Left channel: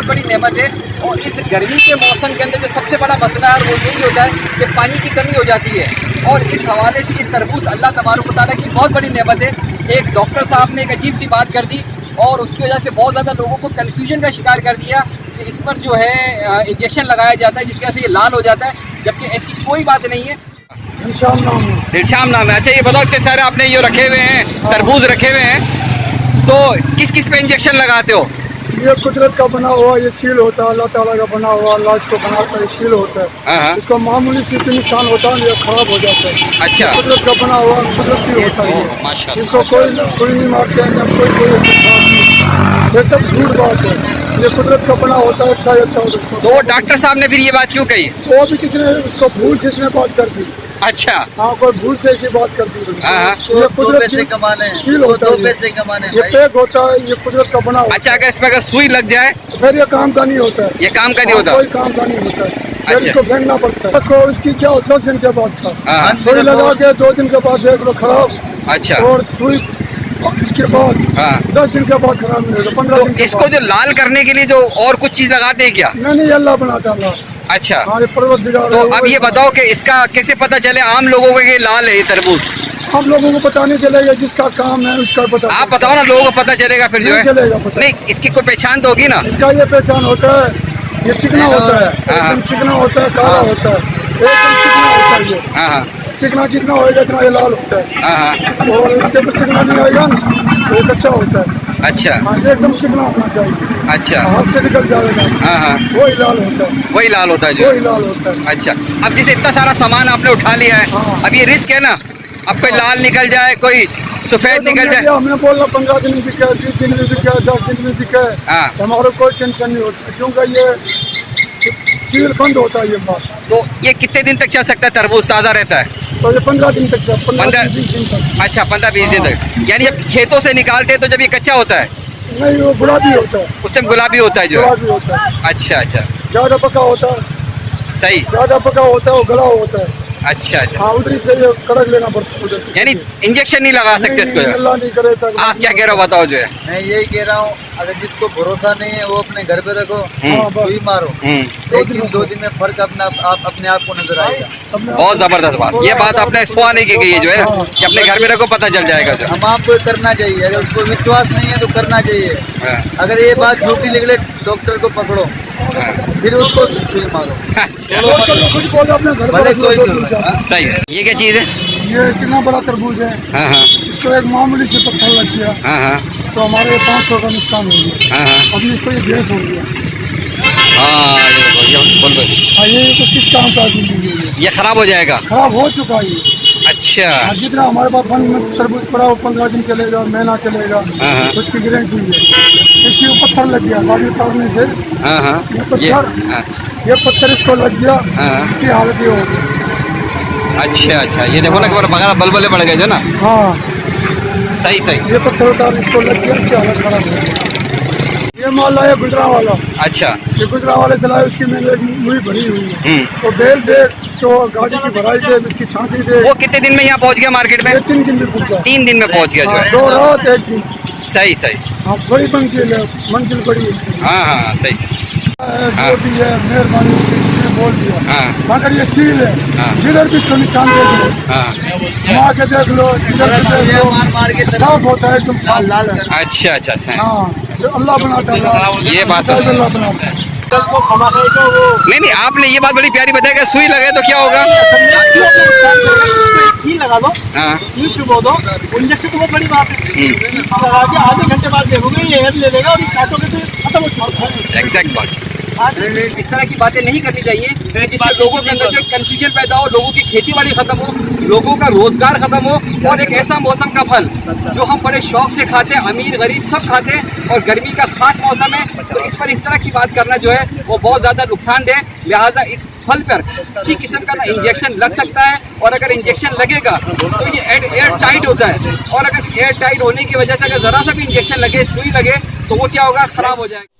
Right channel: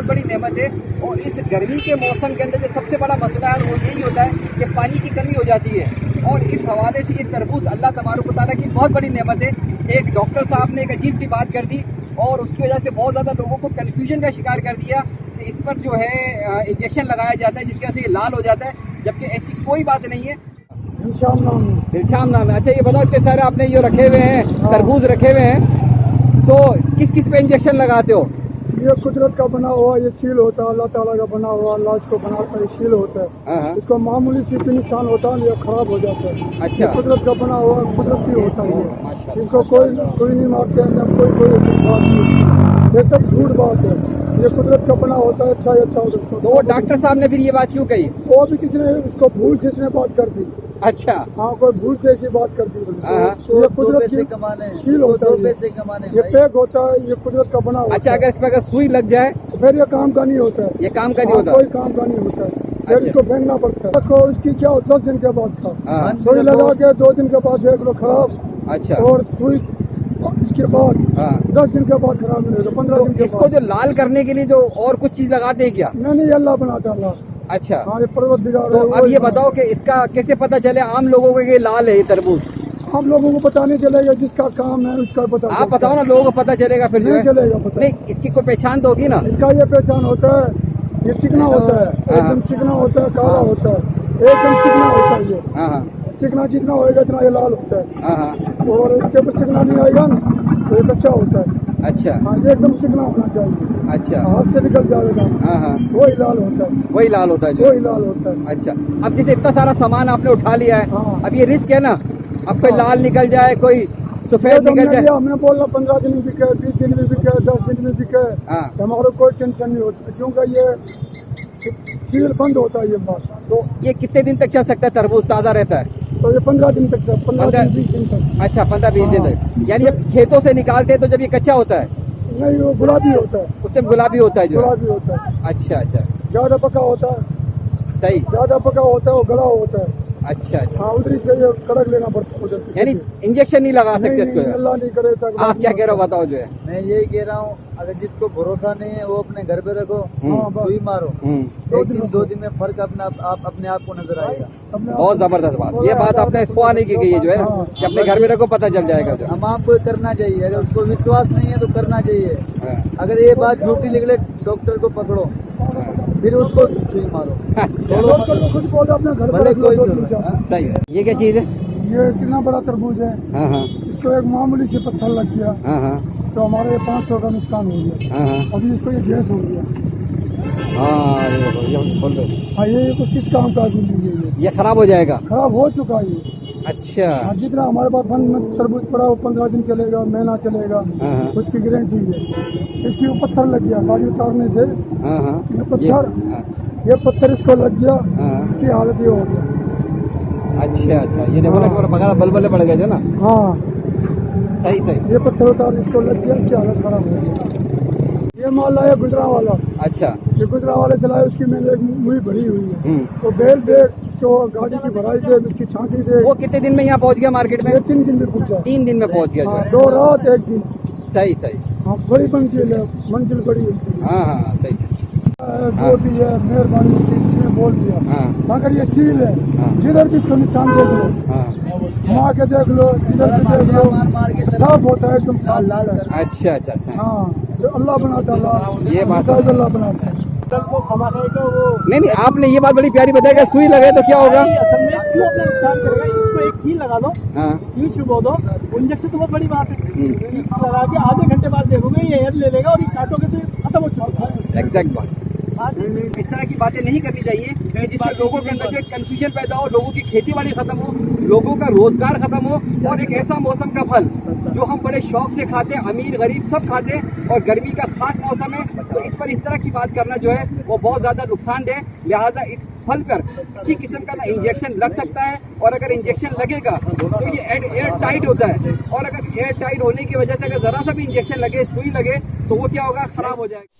बहुत बड़ी नेमत है। और इस गर्मी के मौसम के अंदर जो सबसे बड़ा मसला है वो यही होता है कि पानी की कमी हो जाती है। और इस हवाले से ये तरबूज अल्लाह तबारक व तआला की बहुत बड़ी नेमत है। एक डॉक्टर साहब ने एक अजीब सी बात कर दी और उसकी वजह से बहुत ज़्यादा लोगों को कन्फ्यूजन का शिकार कर दिया कि इस पर जो है इंजेक्शन लगाया जाता है जिसकी वजह से ये लाल हो जाता है, जबकि ऐसी कोई बात नहीं है। दिलशाम नाम है। अच्छा ये बताओ कि सारे आपने ये रखे हुए हैं तरबूज रखे हुए हैं, तो किस किस पे इंजेक्शन लगाते हो? ये कुदरत का बना हुआ ये सील होता है, अल्लाह ताला का बना हुआ, अल्लाह इसको बनाता है, सील होता है। इसको मामूली सी भी नुकसान होता है ये खराब हो जाता है। अच्छा, कुदरत का बना हुआ कुदरती होता है, माशाल्लाह। इसको कोई नहीं मारते हैं, कोई ऐसी बात नहीं, ये सब झूठ बात है। ये कुदरत का बना होता है, अच्छा होता है। तो डॉक्टर साहब ने फिर ये बात क्यों कही? वो भी किसी ने उसको भूल से इसने बात कर दी। अच्छा, हाँ, कोई भूल से ऐसी बात कर दी। ये कुदरत पैसे कमाने सील होता है, पैसे कमाने ये पैक होता है, ये कुदरत का बना होता है। अच्छा, अगर इसमें अगर सुई लग जाए फिर ये काम का नहीं होता है, ये काम का नहीं होता, कोई काम का नहीं होता है। फिर अच्छा। इसको फेंकना पड़ता है। देखो इसकी क्या 10 दिन के बाद था, सुई लगा के 2 दिन के बाद देख लो खराब। अच्छा, और सुई इसके बाद 10 दिन के बाद खराब मिलेगा, 15 दिन के इसको जो लाल करने के लिए जो और कुछ चीज लगाते हैं क्या? नहीं, अल्लाह बनाता है। अच्छा, हाँ, ये परवरदिगार तो अब ये बताओ कि इसका कैसे पता चले आम लोगों को ये लाल है ये तरबूज? हम लोगों को पता नहीं चलेगा, जिसका काम है उसका पता। आप बताओ ना, लोगों को पता चलेगा फिर जो है। चलेगा पता नहीं, इसकी कोई पहचान तो होगी ना? इसका ये पहचान होता है, ये चिकना होता है, एकदम चिकना होता है, काला होता है, एकदम चिकना होता है। ये चिकना जितना होएगा इतना ये लाल होता है। और इसके ऊपर चिकना नहीं आएगा ना तो ये कच्चा होता है। अच्छा, ये एकदम चिकना होना चाहिए। अच्छा, हाथ से निकल जाएगा वही लाल होता है, वही लाल होता है जो वही लाल होता है। अच्छा, अब जैसे इतना सारा सामान आपने उठा लिया है, अब ये रिस्क है ना, अब कोई लाल निकल जाए, कोई सफेद निकल जाए। हमने बोला 15 दिन में बिके, 20 दिन में बिके, 10 दिन में बिके, हमारे कोई टेंशन नहीं होती, क्योंकि ये सील बंद होता है ये बात। तो ये कितने दिन तक चल सकता है तरबूज, ताज़ा रहता है? तो ये 15 दिन तक, 15-20 दिन तक। अच्छा, 15-20 दिन तक, यानी जब खेतों से निकालते हैं तो जब ये कच्चा होता है? नहीं, वो गुलाबी होता है, उस टाइम गुलाबी होता है जो गुलाबी होता है। अच्छा, अच्छा, ज्यादा पका होता है, सही, ज्यादा पका होता है, वो गला होता है। अच्छा, अच्छा, हाँ, उधर से ये कड़क लेना पड़ता है, उधर से। यानी इंजेक्शन नहीं लगा सकते इसको? अल्लाह नहीं करे। आप क्या कह रहे हो बताओ जो है? मैं यही कह रहा हूँ, अगर जिसको भरोसा नहीं है वो अपने घर पे रखो, सुई मारो, 1 दिन 2 दिन में फर्क अपने आप को नजर आएगा। बहुत जबरदस्त बात, ये बात आपने सुहा नहीं की गई है जो है ना, कि अपने घर में रखो, पता चल जाएगा जो। हम आपको करना चाहिए, अगर उसको विश्वास नहीं है तो करना चाहिए। अगर ये बात झूठी निकले डॉक्टर को पकड़ो, फिर उसको सुई मारो। भले कोई सही है। ये क्या चीज़ है? ये कितना बड़ा तरबूज है, इसको एक मामूली से पत्थर लग गया तो हमारे 500 का नुकसान हो गया। अभी इसको ये गैस हो गया। ये तो किस काम का ये खराब हो जाएगा? खराब हो चुका है ये। अच्छा, जितना हमारे पास फल में तरबूज पड़ा वो 15 दिन चलेगा, महीना चलेगा, उसकी गारंटी है। इसके ऊपर पत्थर लग गया गाड़ी उतारने से, ये पत्थर इसको लग गया, इसकी हालत ये हो गई। अच्छा, अच्छा, ये देखो ना कि बगैर बलबले पड़ गए जो ना। हाँ, सही, सही, ये पत्थर उतार इसको लग गया, इसकी हालत खराब हो गई। ये माल लाया गुजरावाला। अच्छा, ये गुजरावाले से लाया, उसकी मैंने एक मुई भरी हुई है, तो बेल दे इसको, गाड़ी की भराई दे, इसकी छांटी दे। वो कितने दिन में यहाँ पहुँच गया मार्केट में? 3 दिन में पहुँचा। 3 दिन में पहुँच गया जो है। 2 रात 1 दिन। सही, सही, हाँ, बड़ी मंजिल है, मंजिल बड़ी है। हाँ, सही, जो भी है मेहरबानी उसने बोल दिया। मगर ये सील है, जिधर भी इसको निशान देख लो, घुमा के देख लो, जिधर भी देख लो, साफ होता है एकदम लाल। अच्छा, अच्छा, हाँ, अल्लाह बनाता है, ये बात अल्लाह बनाता है। नहीं, आपने ये बात बड़ी प्यारी बताई कि सुई लगे तो क्या होगा? लगा दो, चुबो दो, इंजेक्शन तो बहुत बड़ी बात है। लगा के आधे घंटे बाद देखोगे ये एयर ले लेगा और काटोगे तो खत्म हो चुका है। एग्जैक्ट बात। इस तरह की बातें नहीं करनी चाहिए जिससे लोगों के अंदर जो कंफ्यूजन पैदा हो, लोगों की खेती बाड़ी खत्म हो, लोगों का रोजगार खत्म हो, और एक ऐसा मौसम का फल जो हम बड़े शौक से खाते हैं, अमीर गरीब सब खाते हैं, और गर्मी का खास मौसम है, तो इस पर इस तरह की बात करना जो है वो बहुत ज़्यादा नुकसानदेह। लिहाजा इस फल पर किसी किस्म का ना इंजेक्शन लग सकता है, और अगर इंजेक्शन लगेगा तो ये एयर टाइट होता है, और अगर एयर टाइट होने की वजह से अगर ज़रा सा भी इंजेक्शन लगे, सुई लगे, तो वो क्या होगा, ख़राब हो जाएगा।